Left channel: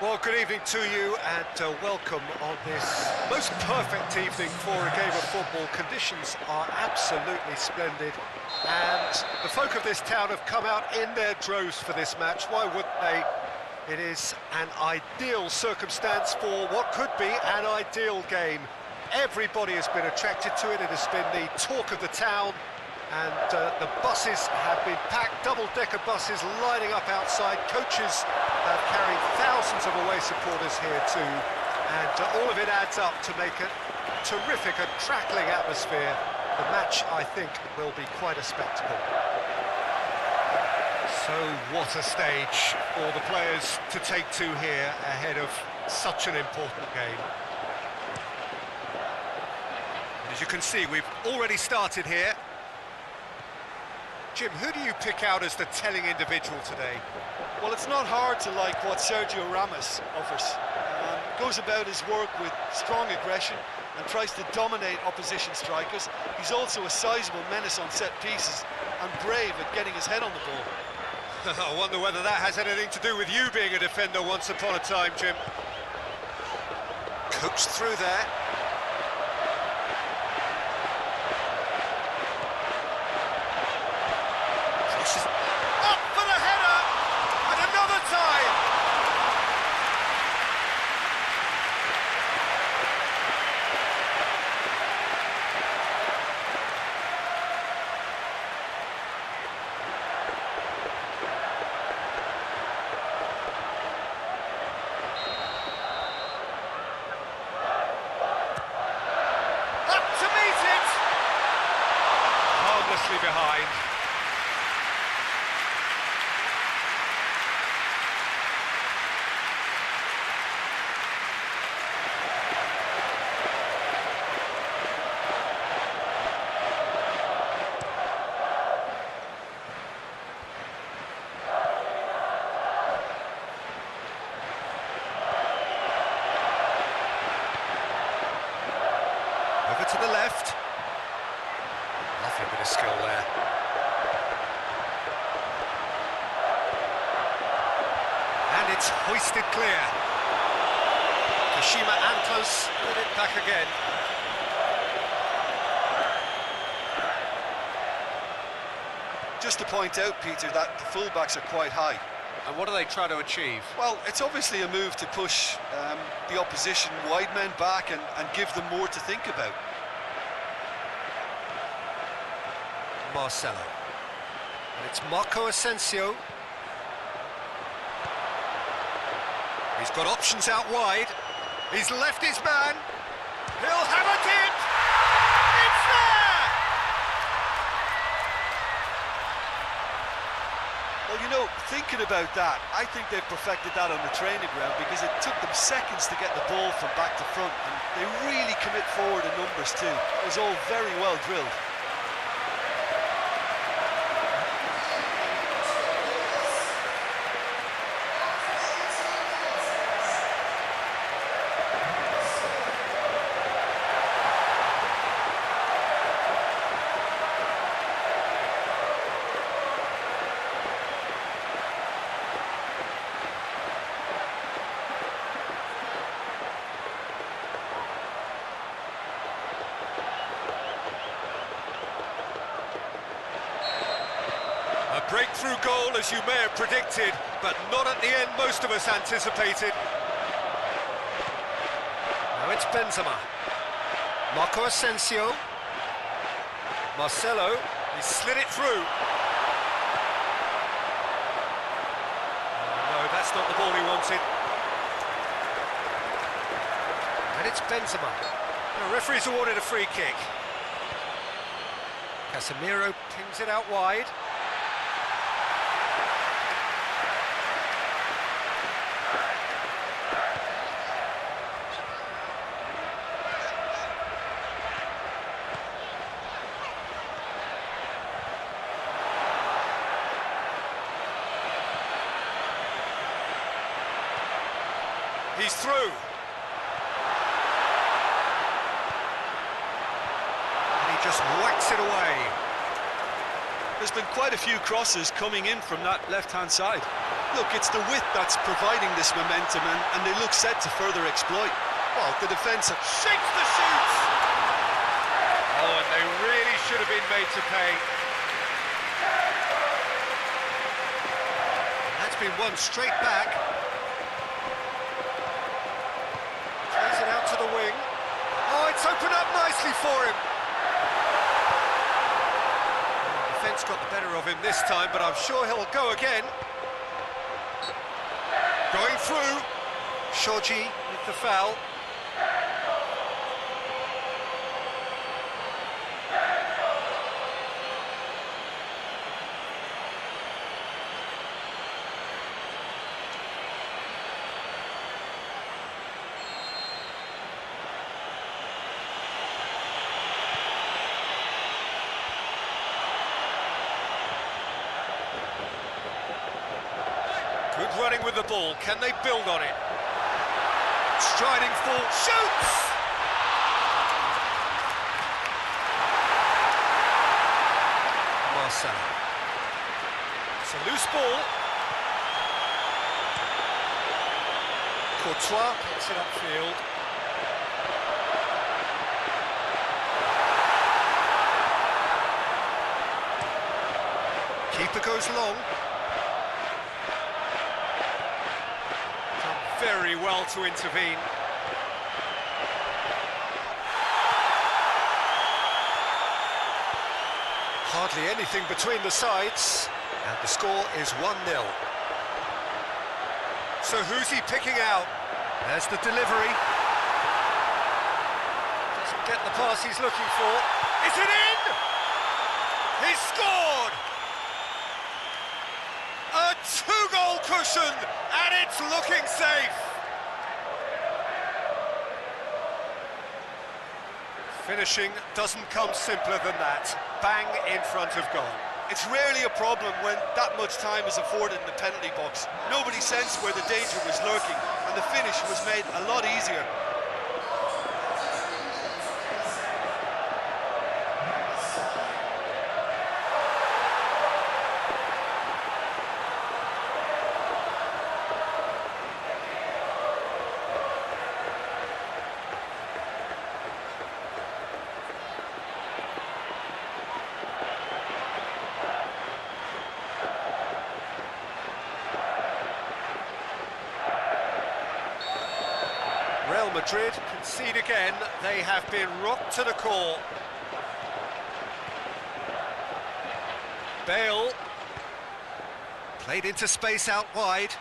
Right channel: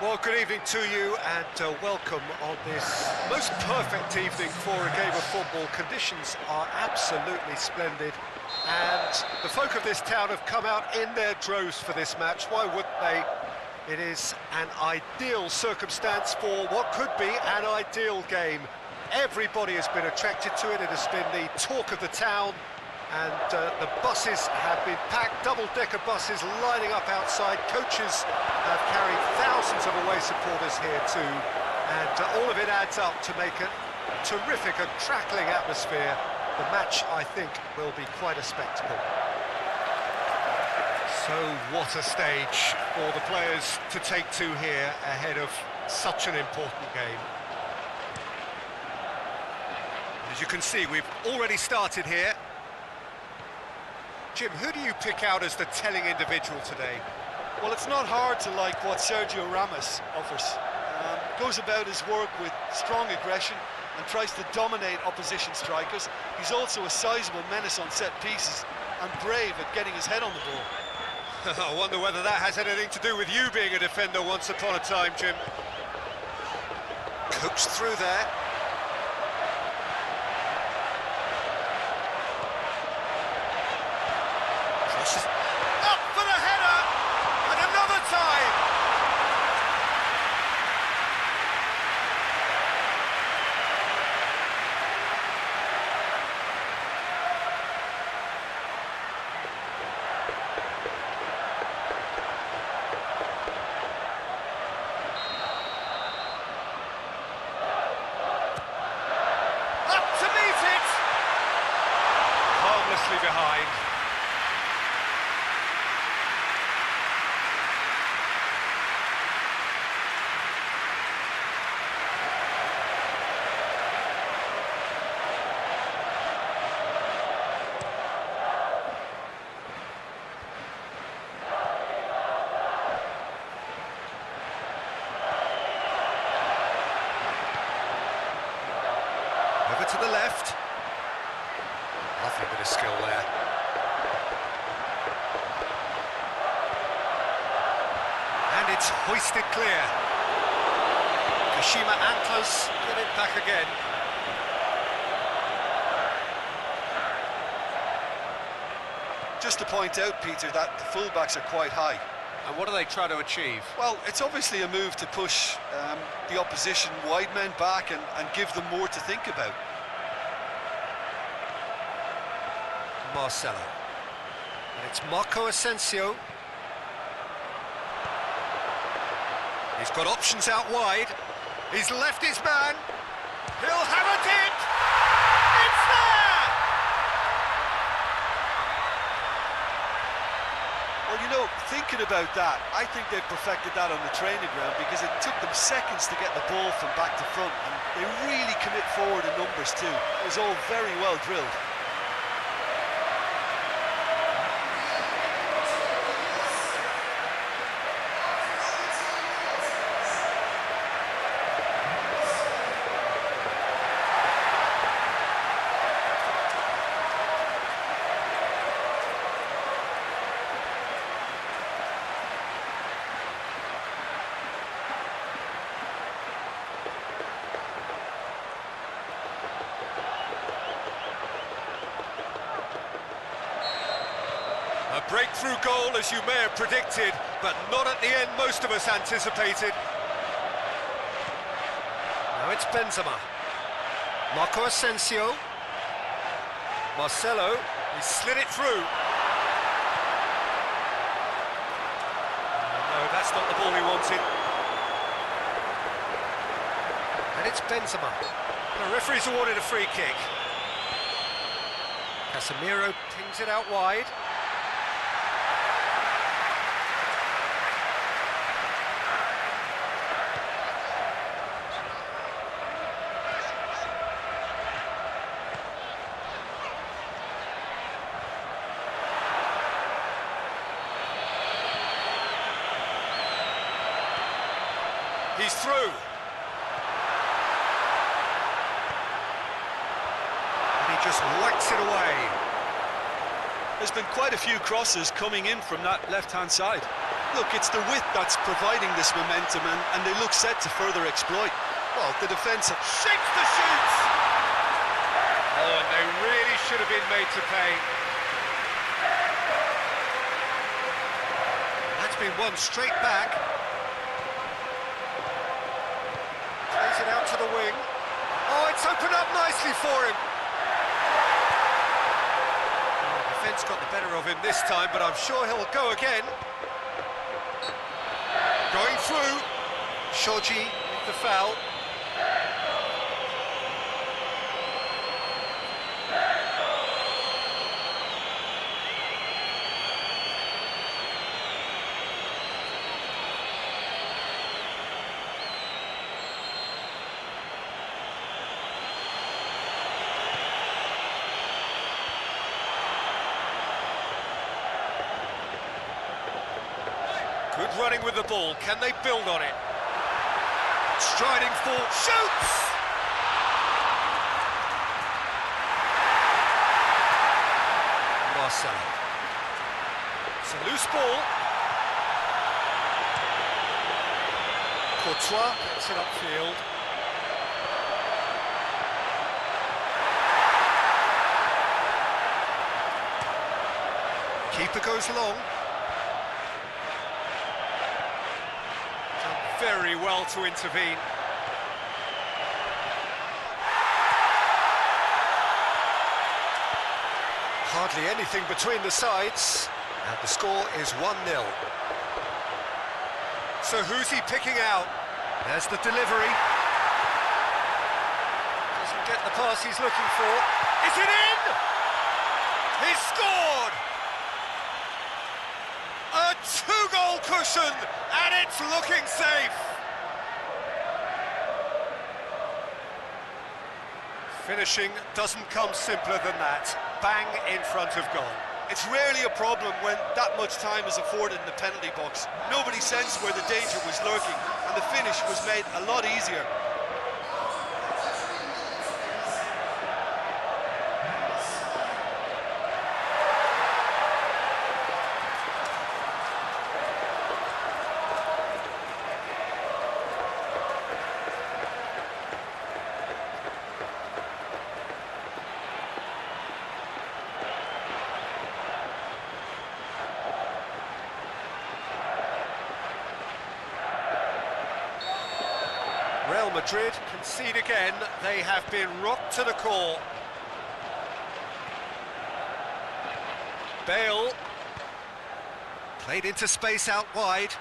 Well, good evening to you and welcome on this most perfect evening for a game of football. Conditions are absolutely splendid and the folk of this town have come out in their droves for this match. Why wouldn't they? It is an ideal circumstance for what could be an ideal game. Everybody has been attracted to it. It has been the talk of the town. And the buses have been packed, double-decker buses lining up outside. Coaches have carried thousands of away supporters here too. And all of it adds up to make a terrific and crackling atmosphere. The match, I think, will be quite a spectacle. So what a stage for the players to take to here ahead of such an important game. As you can see, we've already started here. Jim, who do you pick out as the telling individual today? Well, it's not hard to like what Sergio Ramos offers. Goes about his work with strong aggression and tries to dominate opposition strikers. He's also a sizable menace on set pieces and brave at getting his head on the ball. I wonder whether that has anything to do with you being a defender once upon a time, Jim. Coaxed through there. Up for the header, and another time. Up to meet it. Harmlessly behind. Over to the left. Lovely bit of skill there. And it's hoisted clear. KASHIMA Antlers get it back again. Just to point out, Peter, that the fullbacks are quite high. And what do they try to achieve? Well, it's obviously a move to push the opposition wide men back and give them more to think about. Marcelo. And it's Marco Asensio. He's got options out wide. He's left his man. He'll have a dip. It's there! Well, you know, thinking about that, I think they've perfected that on the training ground because it took them seconds to get the ball from back to front, and they really commit forward in numbers too. It was all very well drilled. A breakthrough goal, as you may have predicted, but not at the end most of us anticipated. Now it's Benzema. Marco Asensio. Marcelo, he slid it through. Oh, no, that's not the ball he wanted. And it's Benzema. The referee's awarded a free kick. Casemiro pings it out wide. He's through. And he just whacks it away. There's been quite a few crosses coming in from that left-hand side. Look, it's the width that's providing this momentum, and they look set to further exploit. Well, the defence shakes the shoots! Oh, and they really should have been made to pay. That's been won straight back. Plays it out to the wing. Oh, it's opened up nicely for him. The defence got the better of him this time, but I'm sure he'll go again. Going through. Shoji with the foul. Good running with the ball. Can they build on it? Striding full. Shoots! Marcelo. It's a loose ball. Courtois gets it upfield. Keeper goes long. Very well to intervene. Hardly anything between the sides, and the score is 1-0. So who's he picking out? There's the delivery. Doesn't get the pass he's looking for. Is it in? He's scored! A two-goal cushion, and it's looking safe. Finishing doesn't come simpler than that. Bang in front of goal. It's rarely a problem when that much time is afforded in the penalty box. Nobody sensed where the danger was lurking, and the finish was made a lot easier. Real Madrid concede again. They have been rocked to the core. Bale played into space out wide.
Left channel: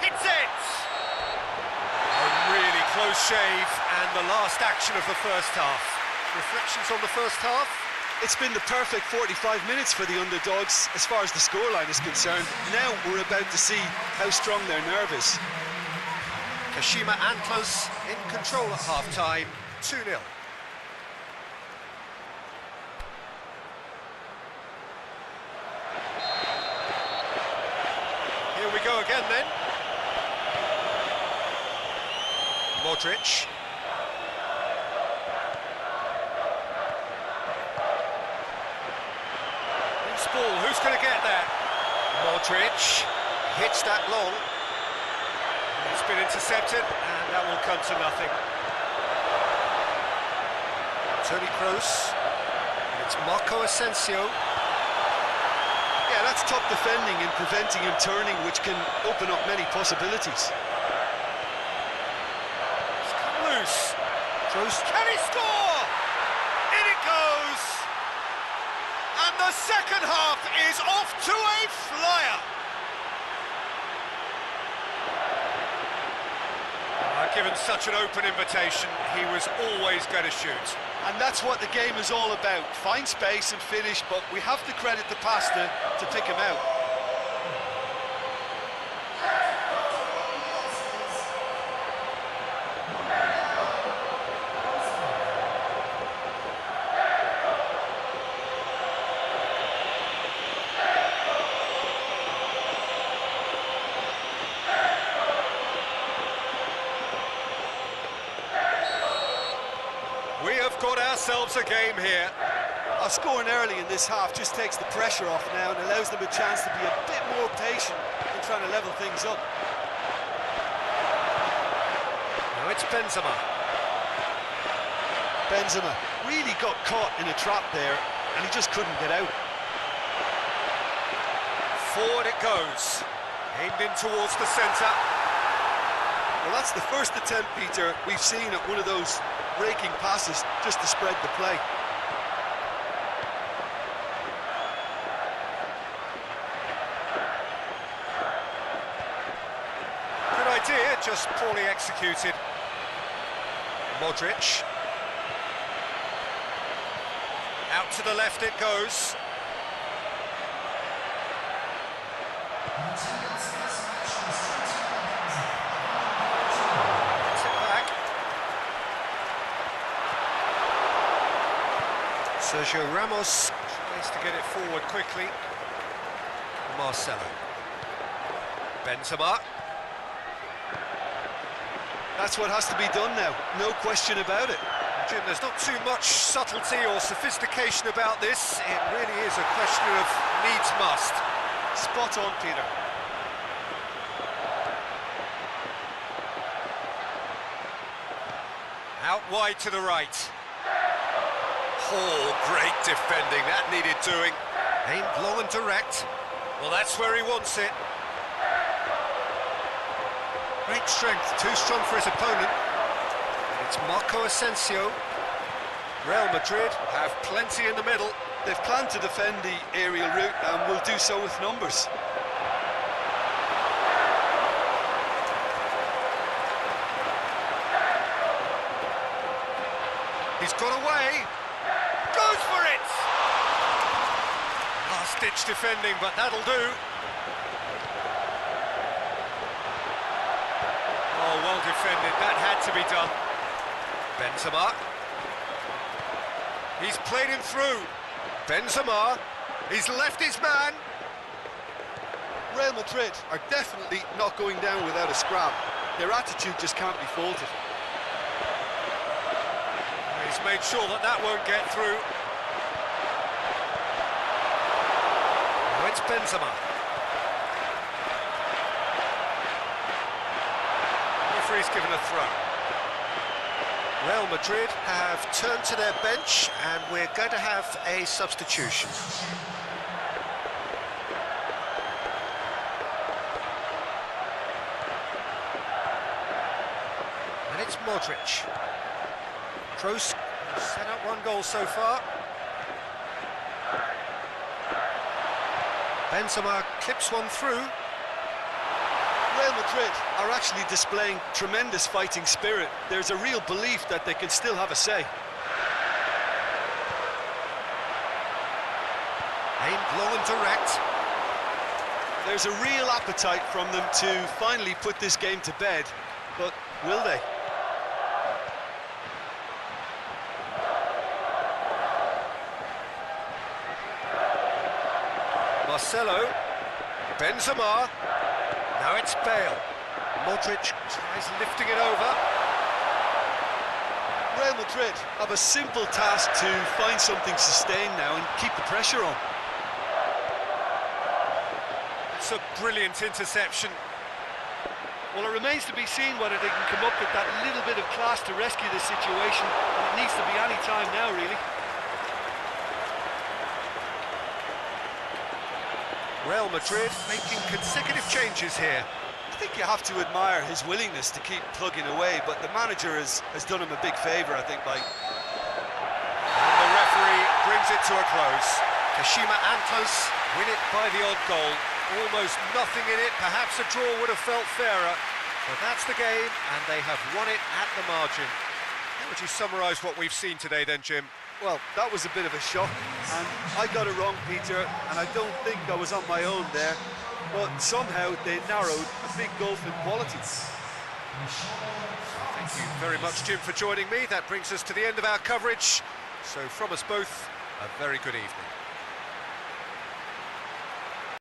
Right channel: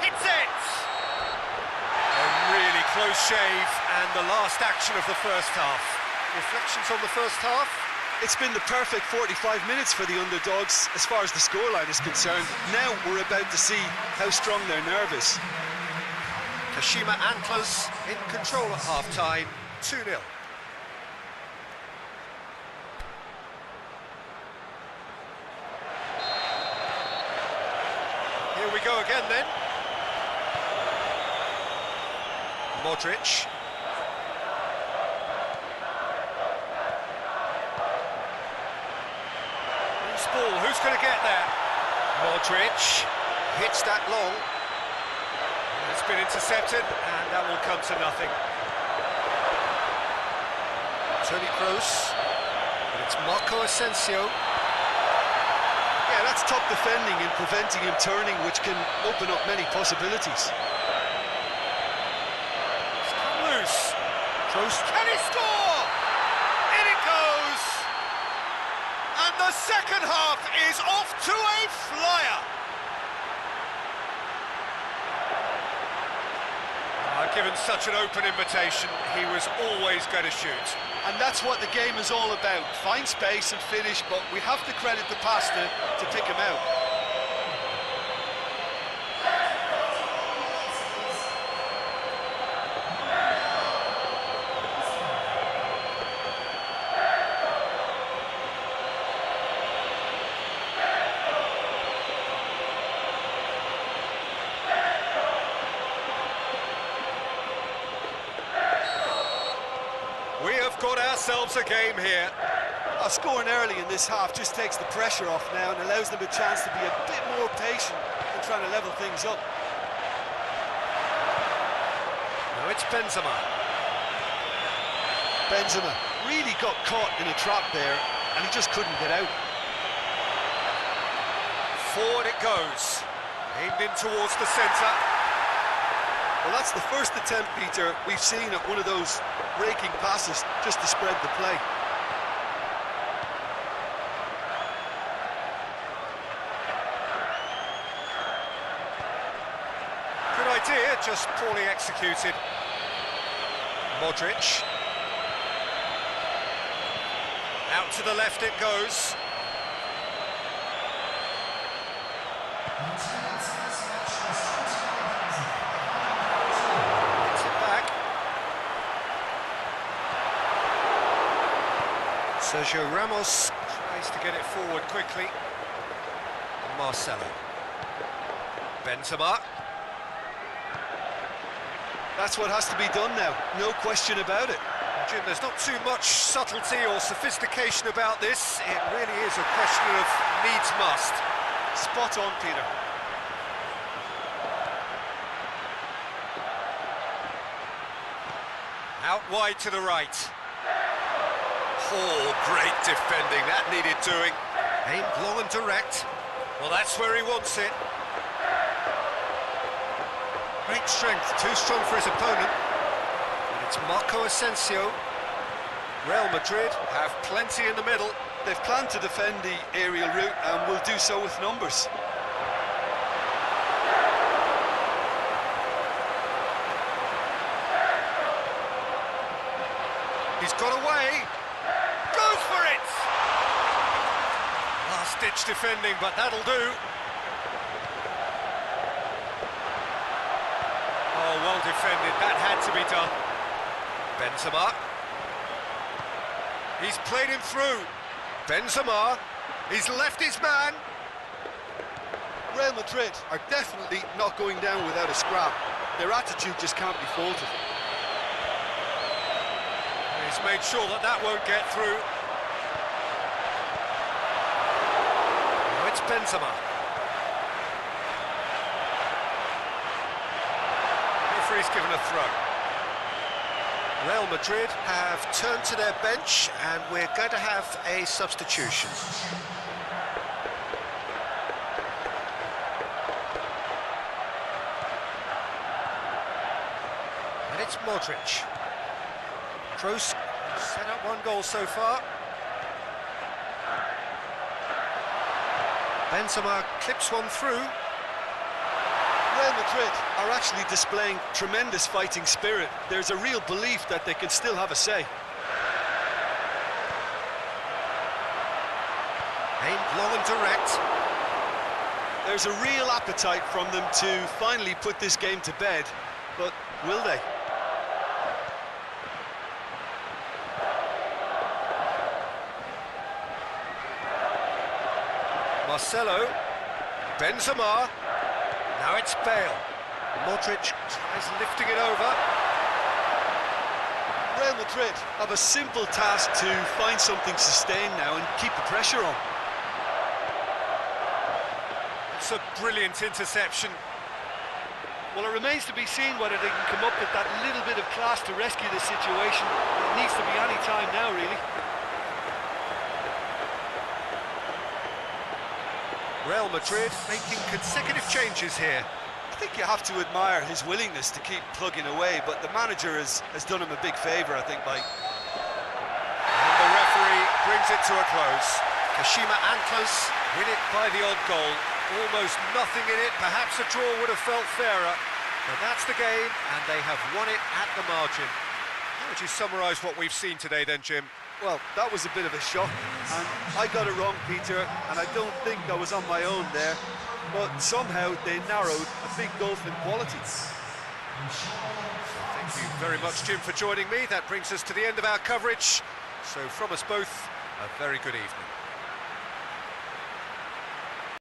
Hits it! A really close shave, and the last action of the first half. Reflections on the first half? It's been the perfect 45 minutes for the underdogs as far as the scoreline is concerned. Now we're about to see how strong their nerve is. KASHIMA Antlers in control at half-time, 2-0. Here we go again then. Modric. Ball, who's going to get that? Modric hits that long. It's been intercepted, and that will come to nothing. Toni Kroos, and it's Marco Asensio. Yeah, that's top defending and preventing him turning, which can open up many possibilities. It's come loose. Kroos, can he score? In it goes! And the second half is off to a flyer. Given such an open invitation, he was always going to shoot. And that's what the game is all about. Find space and finish, but we have to credit the passer to pick him out. We have got ourselves a game here. Scoring early in this half just takes the pressure off now and allows them a chance to be a bit more patient in trying to level things up. Now it's Benzema. Benzema really got caught in a trap there and he just couldn't get out. Forward it goes, aimed in towards the centre. Well, that's the first attempt, Peter, we've seen at one of those raking passes just to spread the play. Good idea, just poorly executed. Modric. Out to the left it goes. Gets it back. Sergio Ramos tries to get it forward quickly. Marcelo. Benzema. That's what has to be done now, no question about it. Jim, there's not too much subtlety or sophistication about this. It really is a question of needs must. Spot on, Peter. Out wide to the right. Oh, great defending, that needed doing. Aimed long and direct. Well, that's where he wants it. Great strength, too strong for his opponent. And it's Marco Asensio. Real Madrid have plenty in the middle. They've planned to defend the aerial route and will do so with numbers. He's got away. Goes for it! Last-ditch defending, but that'll do. Oh, well defended, that had to be done. Benzema. He's played him through. Benzema. He's left his man. Real Madrid are definitely not going down without a scrap. Their attitude just can't be faulted. He's made sure that that won't get through. Now it's Benzema. Referee's given a throw. Real Madrid have turned to their bench and we're going to have a substitution. And it's Modric. Kroos set up one goal so far. Benzema clips one through. Real Madrid are actually displaying tremendous fighting spirit. There's a real belief that they can still have a say. Aimed long and direct. There's a real appetite from them to finally put this game to bed, but will they? Marcelo. Benzema. Now it's Bale. Modric tries lifting it over. Real Madrid have a simple task to find something sustained now and keep the pressure on. It's a brilliant interception. Well, it remains to be seen whether they can come up with that little bit of class to rescue this situation, and it needs to be any time now, really. Real Madrid making consecutive changes here. I think you have to admire his willingness to keep plugging away, but the manager has done him a big favour, I think, by... And the referee brings it to a close. Kashima Antlers win it by the odd goal. Almost nothing in it, perhaps a draw would have felt fairer. But that's the game, and they have won it at the margin. How would you summarise what we've seen today then, Jim? Well, that was a bit of a shock, and I got it wrong, Peter, and I don't think I was on my own there, but somehow they narrowed a big gulf in quality. So thank you very much, Jim, for joining me. That brings us to the end of our coverage. So from us both, a very good evening.